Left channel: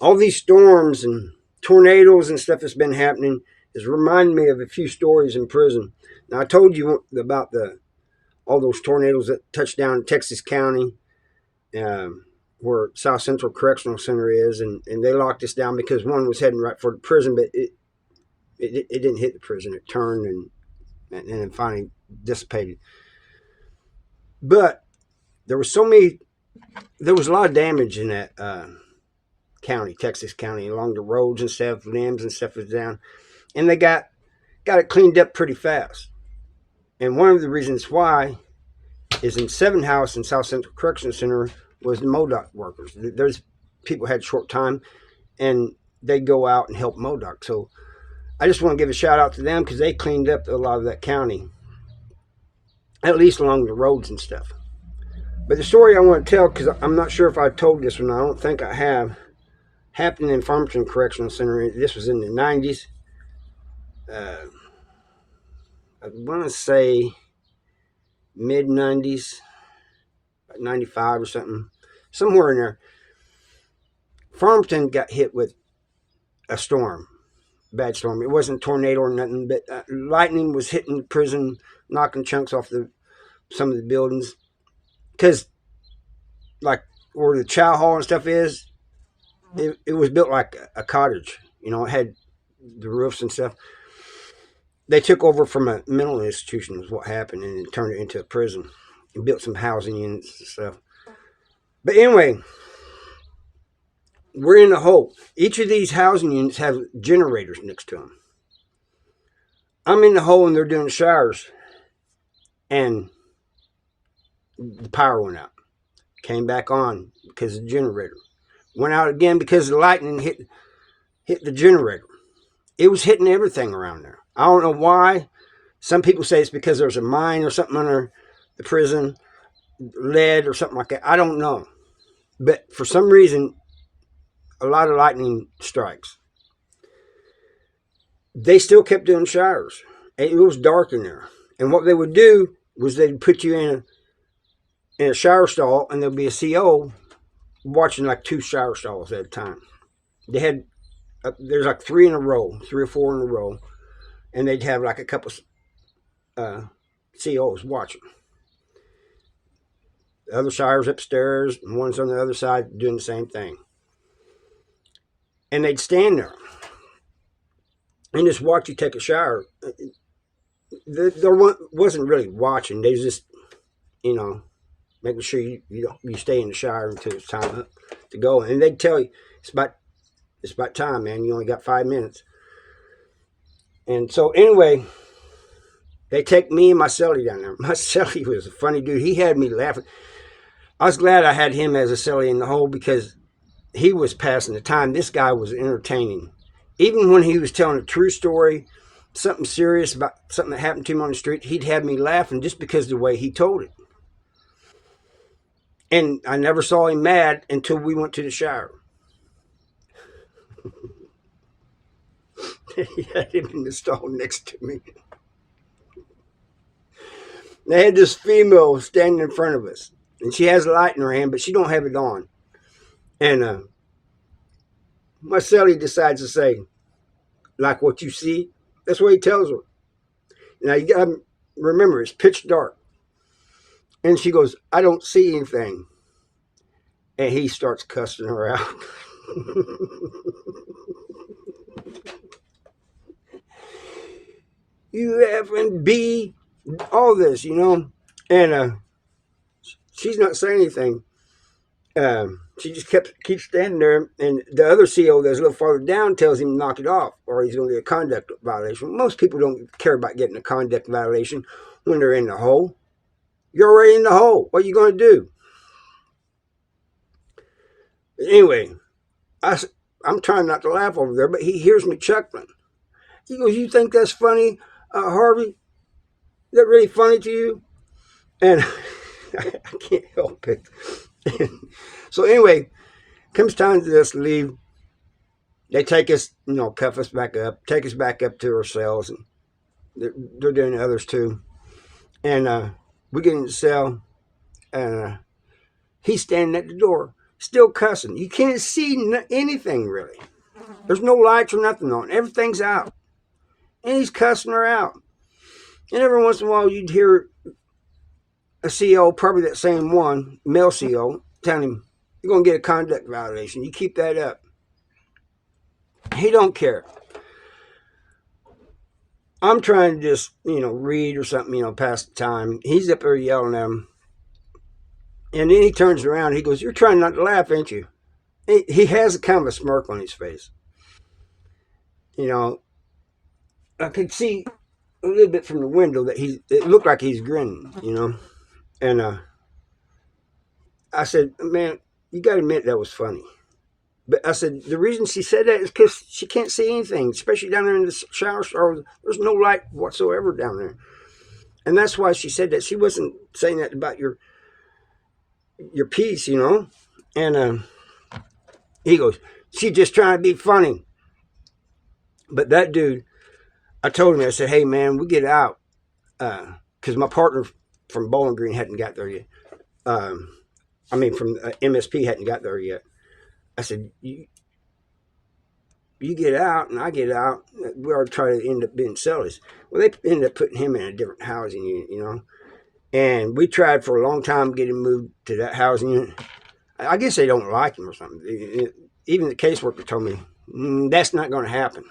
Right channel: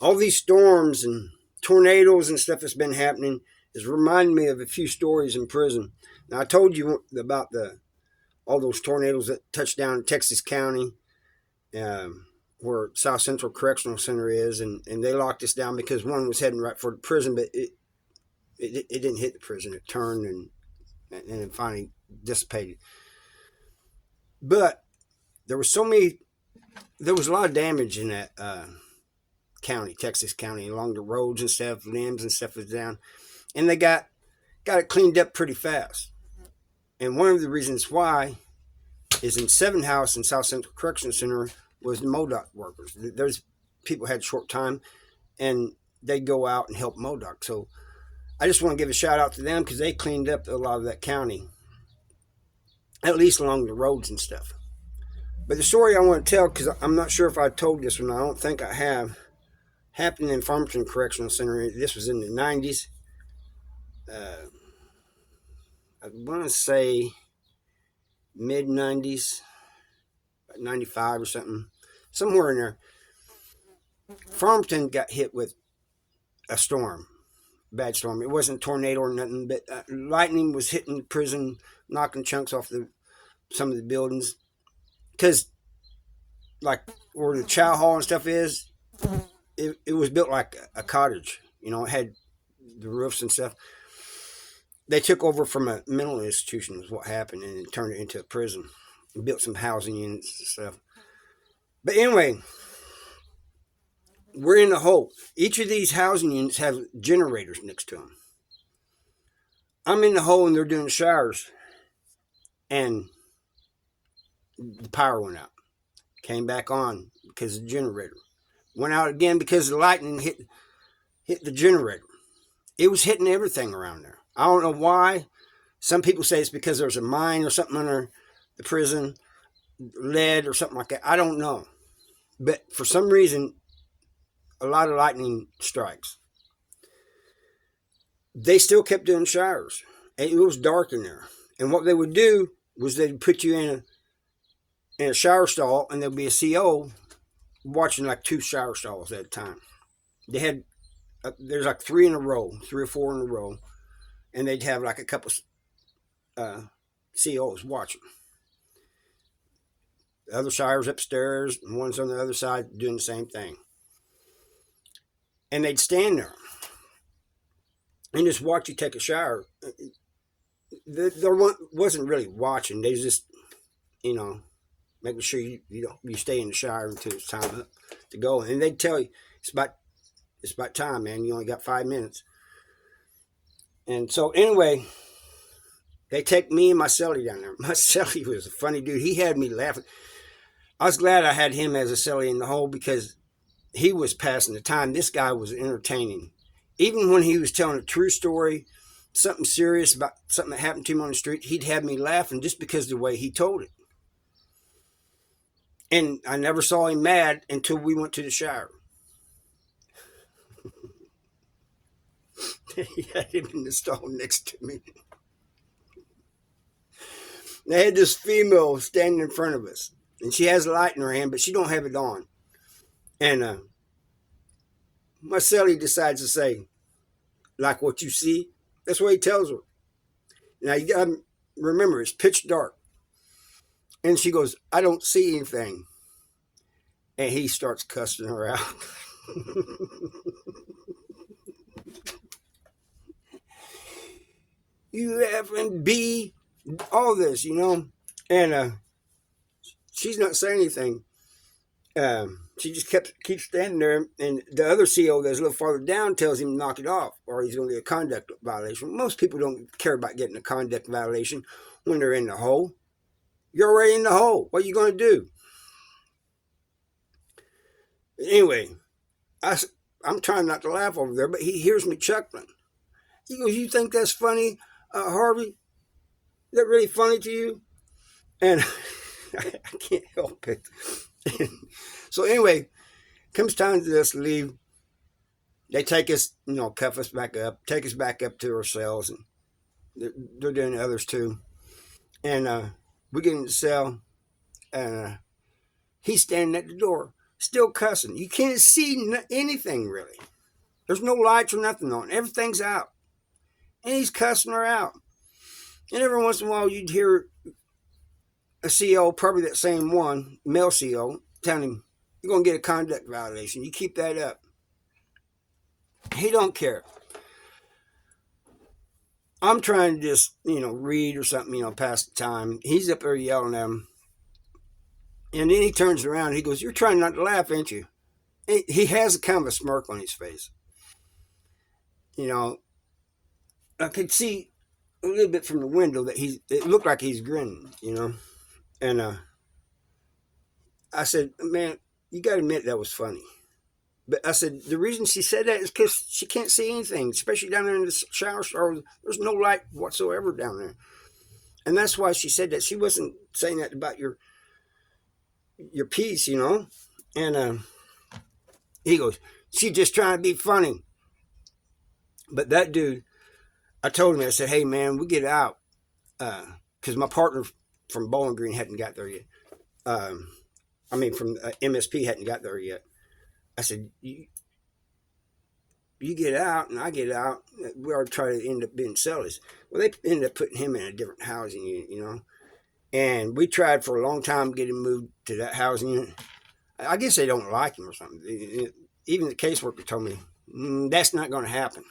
all these storms and tornadoes and stuff that's been happening is reminding me of a few stories in prison. Now I told you about the all those tornadoes that touched down in Texas County, where South Central Correctional Center is, and they locked us down because one was heading right for the prison, but it didn't hit the prison. It turned and then finally dissipated. But there was so many. There was a lot of damage in that county, Texas County, along the roads and stuff, limbs and stuff was down, and they got it cleaned up pretty fast. And one of the reasons why is in Seven House in South Central Correctional Center was the MODOC workers. There's people had short time, and they go out and help MODOC. So I just want to give a shout out to them because they cleaned up a lot of that county, at least along the roads and stuff. But the story I want to tell, because I'm not sure if I told this one, I don't think I have, happened in Farmington Correctional Center. This was in the 90s. I want to say mid 90s, 95 or something, somewhere in there. Farmington got hit with a storm, bad storm. It wasn't a tornado or nothing, but lightning was hitting the prison, knocking chunks off some of the buildings. Because, like, where the chow hall and stuff is, it was built like a cottage. You know, it had the roofs and stuff. They took over from a mental institution, is what happened, and turned it into a prison and built some housing units and stuff. But anyway, we're in the hole. Each of these housing units have generators next to them. I'm in the hole and they're doing showers, and the power went out. Came back on because of the generator. Went out again because the lightning hit the generator. It was hitting everything around there. I don't know why. Some people say it's because there's a mine or something under the prison, lead or something like that. I don't know. But for some reason, a lot of lightning strikes. They still kept doing showers. And it was dark in there. And what they would do was they'd put you in a shower stall, and there'd be a CO watching like 2 shower stalls at a time. They had there's like 3 in a row, 3 or 4 in a row, and they'd have like a couple COs watching. The other showers upstairs, and one's on the other side doing the same thing. And they'd stand there and just watch you take a shower. There wasn't really watching. They just, making sure you stay in the shower until it's time to go. And they'd tell you, it's about time, man. You only got 5 minutes. And so anyway, they take me and my cellie down there. My cellie was a funny dude. He had me laughing. I was glad I had him as a cellie in the hole because he was passing the time. This guy was entertaining. Even when he was telling a true story, something serious about something that happened to him on the street, he'd have me laughing just because of the way he told it. And I never saw him mad until we went to the shower. He had him in the stall next to me. They had this female standing in front of us, and she has a light in her hand, but she don't have it on. And my cellie decides to say, like what you see, that's what he tells her. Now you got to remember, it's pitch dark. And she goes, I don't see anything. And he starts cussing her out. You F and B, all this, And she's not saying anything. She just keeps standing there, and the other CO that's a little farther down tells him to knock it off, or he's going to get a conduct violation. Most people don't care about getting a conduct violation when they're in the hole. You're already in the hole. What are you going to do? Anyway, I'm trying not to laugh over there, but he hears me chuckling. He goes, "You think that's funny, Harvey? Is that really funny to you?" And I can't help it. So anyway, comes time to us to leave. They take us, cuff us back up, take us back up to our cells, and they're doing others too. And we get in the cell, and he's standing at the door. still cussing. You can't see anything really. There's no lights or nothing on. Everything's out. And he's cussing her out. And every once in a while, you'd hear a CO, probably that same one, male CO, telling him, you're going to get a conduct violation. You keep that up. He don't care. I'm trying to just, read or something, pass the time. He's up there yelling at him. And then he turns around and he goes, you're trying not to laugh, ain't you? He has a kind of a smirk on his face. I could see a little bit from the window that it looked like he's grinning. And I said, man, you got to admit that was funny. But I said, the reason she said that is because she can't see anything, especially down there in the shower. There's no light whatsoever down there. And that's why she said that. She wasn't saying that about your piece, And he goes, she's just trying to be funny. But that dude, I told him, I said, hey, man, we get out. Because my partner from Bowling Green hadn't got there yet. From MSP hadn't got there yet. I said, you get out and I get out. We are trying to end up being sellers. Well, they ended up putting him in a different housing unit, And we tried for a long time to get him moved to that housing unit. I guess they don't like him or something. Even the caseworker told me, that's not going to happen.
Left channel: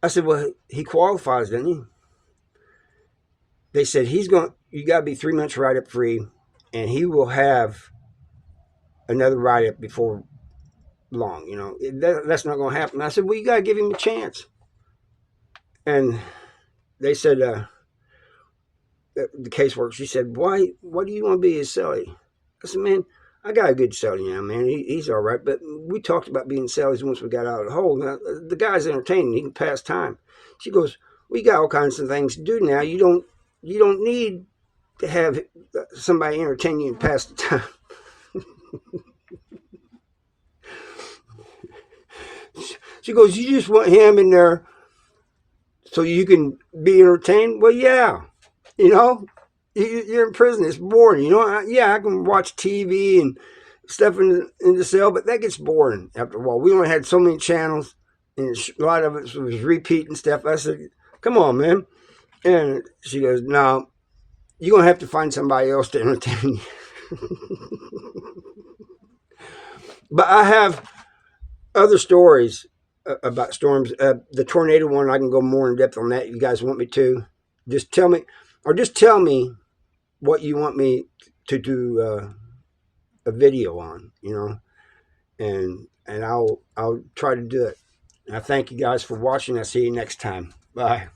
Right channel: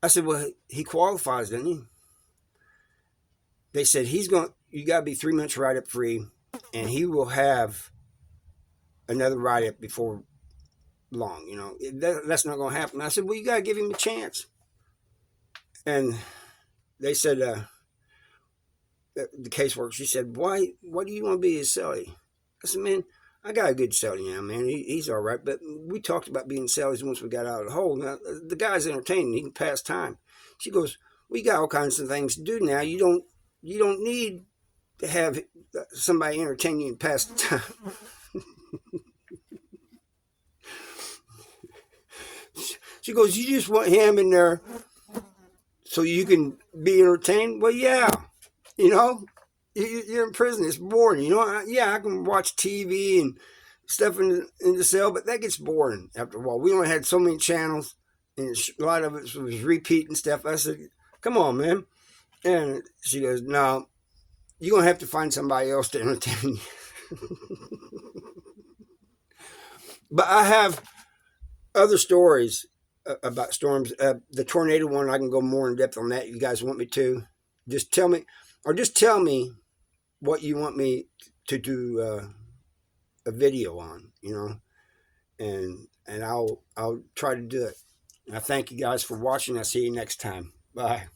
I said, well, he qualifies, doesn't he? They said, you got to be 3 months write-up free, and he will have another write-up before long, that's not going to happen. I said, well, you got to give him a chance. And they said, the caseworker, she said, why do you want to be his cellie? I said, man, I got a good cellie now, man. He's all right. But we talked about being cellies once we got out of the hole. Now, the guy's entertaining. He can pass time. She goes, we got all kinds of things to do now. You don't need to have somebody entertain you and pass the time. She goes, you just want him in there so you can be entertained? Well, yeah. You're in prison. It's boring. I can watch TV and stuff in the cell, but that gets boring after a while. We only had so many channels, and a lot of it was repeating stuff. I said, come on, man. And she goes, no, you're going to have to find somebody else to entertain you. But I have other stories about storms. The tornado one, I can go more in depth on that. You guys want me to? Just tell me what you want me to do a video on, and I'll try to do it. And I thank you guys for watching. I'll see you next time. Bye.